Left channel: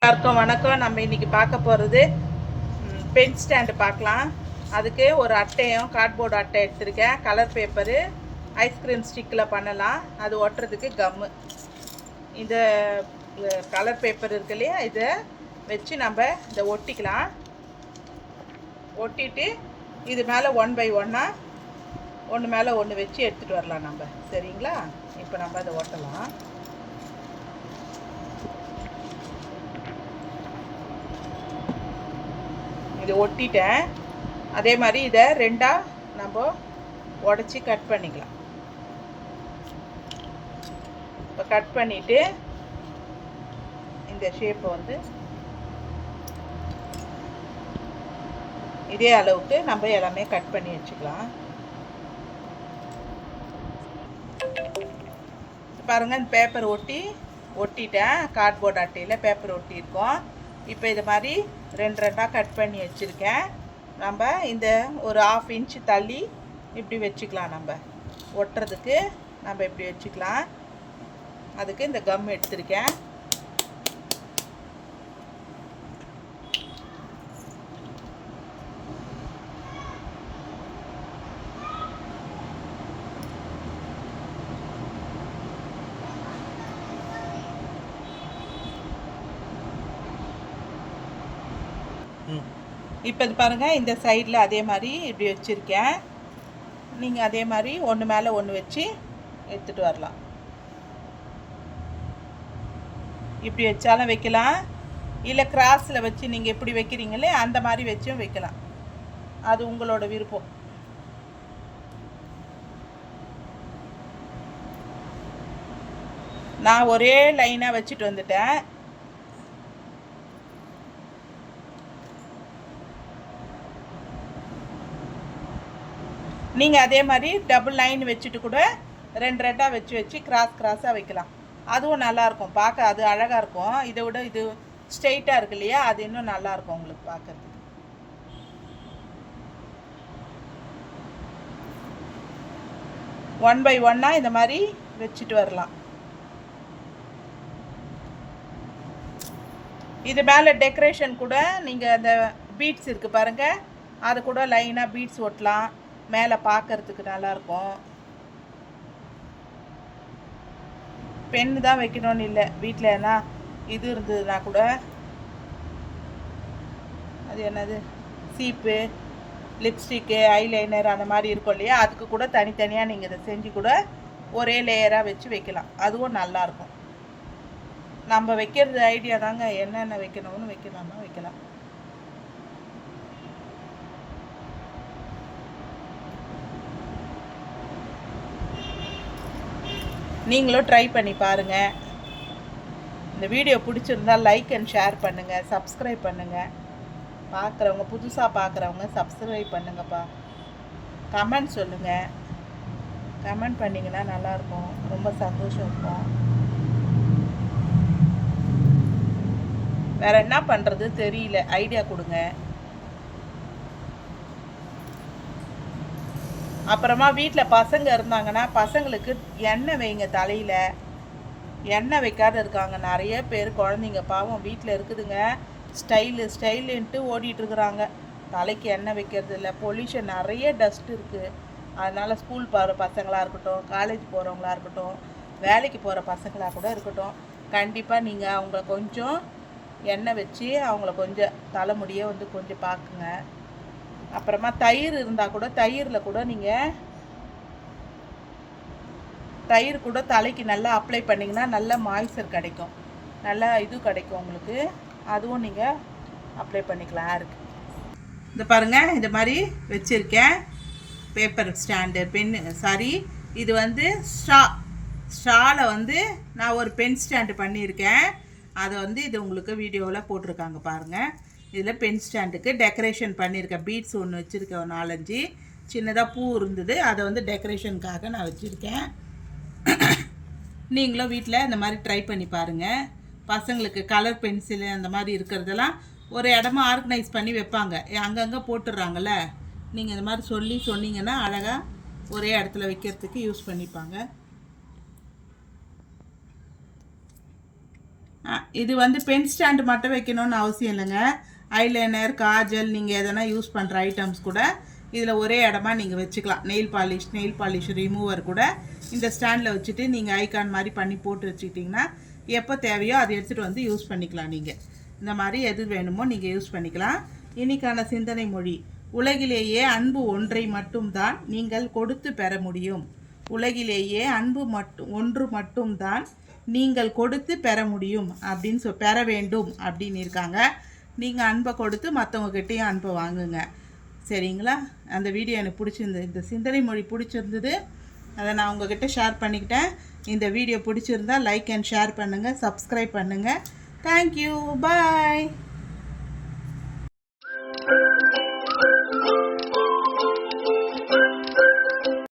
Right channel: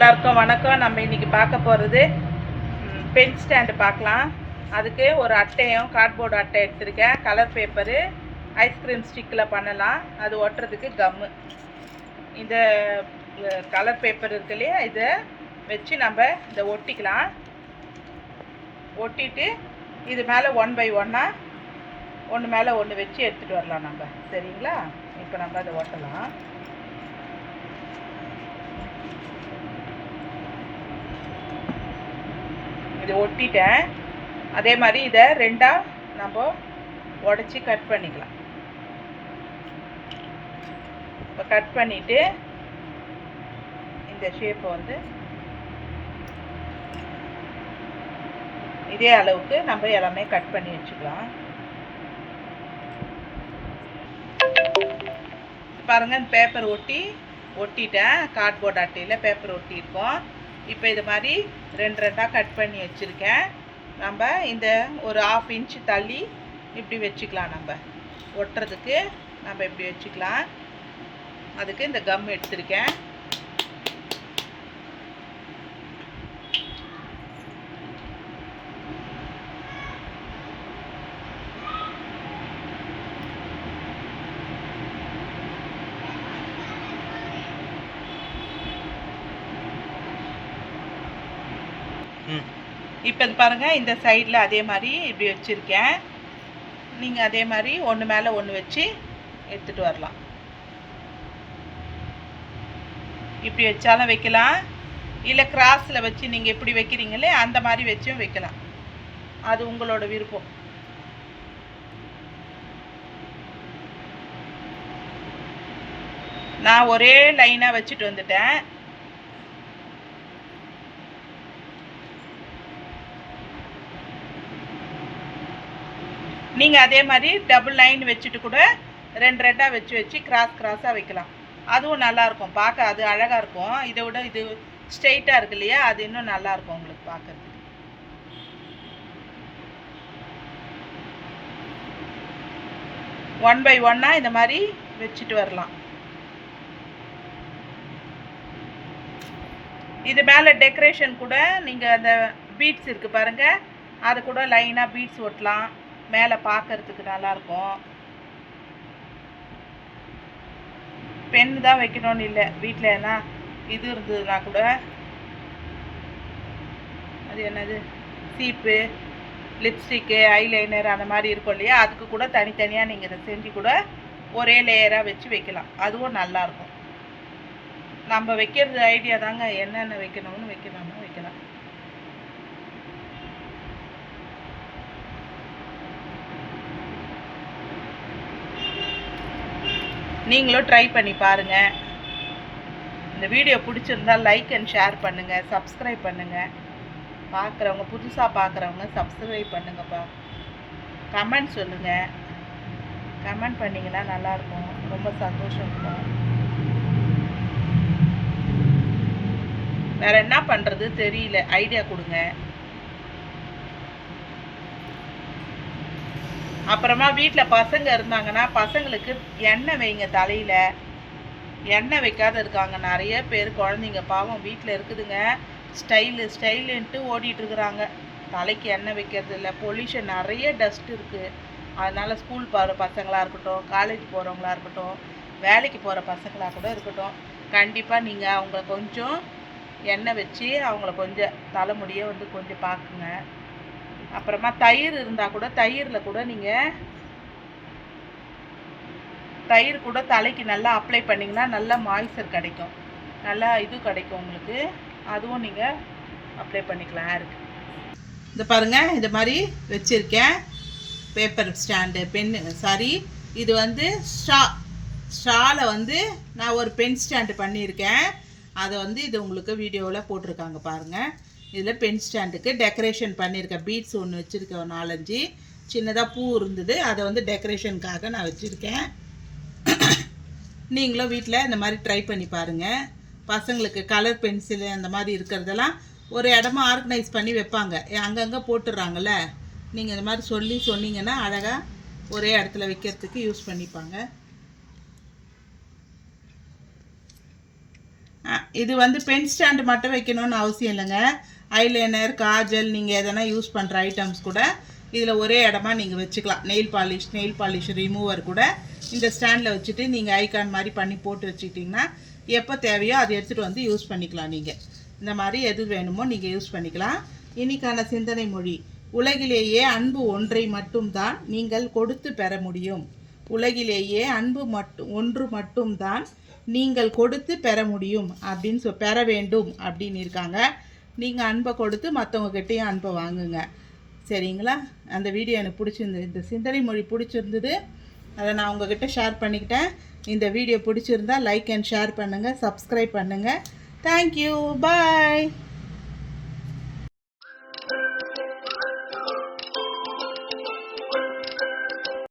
எல்லாருக்கும் வணக்கம். நம்ம இன்னைக்கு பார்க்க போகிறது பென் ஸ்டாண்டு பார்க்கலாம். அதுக்கு ஒரு அட்டையும் கார்ட்போர்டு அட்டை எடுத்திருக்கேன். கலர் பேப்பரு, ஐஸ்கிரீம் ஸ்டிக்கில் பண்ணலாம். அது ஒட்டுறதுக்கு கம்மு. இந்த கலர் பேப்பர் இருக்கு இல்லையா, இதை வச்சு நம்ம இதை ஒட்டிக்கலாம். ஒட்டிட்டு இது மேலே 1 by 1 ஒன்று மேலே ஒன்று வச்சு எடுத்துகிட்டு வரலாம் நம்ம. சரிங்களா? இப்போ நம்ம அதை ஒட்டலாம். இது ஒட்டிட்டேன். அதே மாதிரி இதை ரெண்டாக நம்ம உடச்சி கட் பண்ணிக்கலாம். இப்போ கட் பண்ணிவிட்டு இந்த ஷேப்பை வந்து இதே அளவுக்கு நம்ம எல்லாமே கட் பண்ணி வச்சுக்கலாம். பாருங்கள், இந்த பேப்பர் ஒட்டிட்டேன். கார்ட்போர்ட் அட்டையில் பேப்பர் ஒட்டியிருக்கோம். இப்போ இது மாதிரி ரெண்டாக கட் பண்ணி வச்சுருக்கேன். நம்ம இந்த ஒரு 1/2 inch தள்ளி இப்படி வச்சுக்கலாம். நம்ம ஒட்டுறதுக்கு நம்ம இப்படி வச்சுக்கலாம். அதுக்கு இந்த கம் எடுத்திருக்கேன். இப்போ இது பாருங்கள், இந்த சைடில் அதே மாதிரி இப்படி வச்சுருக்கேன். நீங்கள் அதே மாதிரி ஒன்று மேலே ஒன்று வச்சு எடுத்துகிட்டு வரலாம். இப்படி வச்சாலும் வைக்கலாம், இல்லை கிராஸில் வச்சு நீங்கள் எப்படி வைக்கிறீங்களே அந்த மாதிரி வச்சும் வைக்கலாம். அது உங்களோட விருப்பம். நான் ஒரே லைனாக வச்சுட்டு வந்துட்டேன். நீங்கள் அதே மாதிரி டபுள் லைன் வச்சுட்டு கூட ரெண்டாக வச்சு கிராஸாக வைக்கலாம். அதுவும் நல்லாயிருக்கும் பார்க்க. அது அழகாக இருக்கும். இதை விட இது ஸ்ட்ரெயிட்டாக இருக்கு இல்லையா, அது இன்னும் நல்லாயிருக்கும் உங்களுக்கு பார்க்குறதுக்கு. ஒன் பை 1 இந்த மாதிரி வச்சுட்டு வரலாம். இது மேலே டெக்கரேஷன் கூட நீங்கள் அந்த பீட்ஸ் இருக்குது பாருங்கள், அது கூட லைனாக பீட்ஸ் ஒட்டலாம். மேலே பார்க்கறதுக்கு நல்லாயிருக்கும். பென் தான் வைக்கணும்னு இல்லை, வீட்டில் என்ன இது இருந்ததுன்னா கூட, அது என்னது சீப்பு, லிப்ஸ்டிக்கு, ஐலைனர் அந்த மாதிரி இருக்கும் இல்லையா, அதுக்கு கூட தனித்தனியாக நீங்கள் இதை செஞ்சு கூட ஒரே லேயராக வச்சு வைக்கலாம். அதுவும் நல்லாயிருக்கும். நம்ம வைக்கிறது ஐடியா தாங்க, என்னென்ன வைக்கணும்னு வைக்கலாம். நீங்களும் ட்ரை பண்ணி பாருங்கள். இந்த வீடியோ பிடிச்சிருந்தால் லைக் அண்ட் ஷேர் பண்ணுங்கள், சப்ஸ்கிரைப் பண்ணுங்கள். பார்க்குறவங்க, புதுசாக பார்க்குறவங்க சப்ஸ்கிரைப் பண்ணுங்கப்பா. கமெண்ட் சொல்லுங்கள். கமெண்ட் பண்ணிங்கன்னா நல்லாயிருக்கும், ரொம்ப சந்தோஷம் இருக்கும். வேறு என்ன பண்ணுறது தெரியல, ஐடியா கொடுங்க. அப்புறமா வீட்டில் பசங்க இருந்தாங்கன்னா பசங்களுக்கு எண்ணெய் வைங்க. தலையில் எண்ணெய் வைக்காத இருக்காங்க நிறைய பேர். குழந்தைங்க பாவம் வீட்டில் இருக்குதுங்க, ஸ்டைலுன்ட்டு ஓடிட்டுருக்குறாங்க. தலைக்கு எண்ணெய் வைக்கிறது இல்லை. பொல்யூஷன், நிறைய டஸ்ட் இருக்குது. அதனால் ஸ்கூல் போகிற பசங்களாக இருக்கட்டும், காலேஜ் போகிறவங்களா இருக்கட்டும், வேலைக்கு போகிற பசங்களாக கூட இருக்கட்டும், கண்டிப்பாக நீங்கள் அவங்கள கொஞ்சம் எண்ணெய் வச்சு அவங்கள கொஞ்சம் தலைமுடியை வந்து கொஞ்சம் பார்க்குங்க. அப்புறமா தயிர் இருந்தால் கூட தயிரில் கூட நீங்கள் தயிர் கூட தலைக்கு நல்லா அப்ளை பண்ணிங்கன்னா நல்லா மாய்ஸ்சர் கிடைக்கும், நல்லா இது கிடைக்கும் உங்களுக்கு. அதுவும் நீங்கள் அப்ளை பண்ணிக்கலாம் ஹேருக்கு. இந்த பாருங்கள், இந்த மாதிரி வச்சுருக்கேன் பேப்பர் ஸ்டாண்டு. இது வந்து ஸ்ட்ராவில் வந்து நான் ஒரு பென் ஸ்டாண்டு பண்ணியிருக்கேன். அதை வந்து இது உங்களுக்கு வீடியோவில் போட்டிருக்காங்க பாருங்கள். இதில் பென் ஸ்டாண்டுக்கு டெக்கரேஷன் பண்ணியிருக்கேன். பீட்ஸ் ஒன்று வச்சுருக்கேன், ஒரு 4-5 சின்னதாக பூ இருந்தது, அதை வந்து டெக்கரேஷனுக்காக நான் வச்சுருக்கேன். நீங்களும் வீட்டில் இந்த மாதிரி ட்ரை பண்ணி பாருங்கள். பசங்களுக்கு கலர் பென்சிலு அந்த மாதிரி இருக்கிறதெல்லாம் ஒரு இடமா ஆர்கனைஸ் பண்ணி வைப்பாங்க, அங்கங்கே போட்டுடுறாங்கள்ல. நீங்கள் இந்த மாதிரி சொன்னீங்கன்னா அழகாக ஒரே இடத்துல வைக்கிறதுக்கு யூஸ் பண்ணிப்பாங்க. இது வந்து பென் ஸ்டாண்டு மட்டும் வைக்கணும்னு அவசியம் இல்லைங்க. ஐலைனர், காஜல், நீங்கள் எதனா யூஸ் பண்ணுற ஐட்டம்ஸ் கூட இதில் ஒரே இடமா நீங்கள் வச்சுக்கலாம். நெயில் பாலிஷ் ரிமூவர் கூட இந்த ஸ்டாண்டில் வச்சுட்டு நீங்கள் ஐகான் மாதிரி பண்ணி போட்டு வச்சுக்கிட்டிங்கன்னா எப்போ தேவையோ அதை எடுத்துகிட்டு வந்து யூஸ் பண்ணிக்கலாம். நீங்கள் இந்த மாதிரி எது வேணுமோ நீங்கள் யூஸ் பண்ணிக்கலாம். இன்னைக்கான சிந்தனை மொழி: உலகிலேயே அன்பு ஒன்றை மட்டும்தான் நீங்கள் கொடுத்து பெற முடியும். உலகிலேயே அன்பு ஒன்று மட்டும்தான் நீங்கள் கொடுத்து பெற முடியும் அப்படின்னு பெற வேண்டும் அப்படின்னு இருக்காங்க. நீங்கள் அன்பை கொடுத்து மற்றவங்ககிட்டையும் அன்பை வாங்குங்க. சரிங்களா? அந்த வீடியோ எனக்கு பிடிச்சிருந்தது. இந்த சிந்தனை மொழி பிடிச்சிருந்தது, அதை நான் உங்ககிட்ட ஷேர் பண்ணிக்கிட்டேன். இந்த வீடியோ பிடிச்சிருந்தா லைக் அண்ட் ஷேர் பண்ணுங்கள், சப்ஸ்கிரைப் பண்ணுங்கள். தேங்க்யூ, பாய்.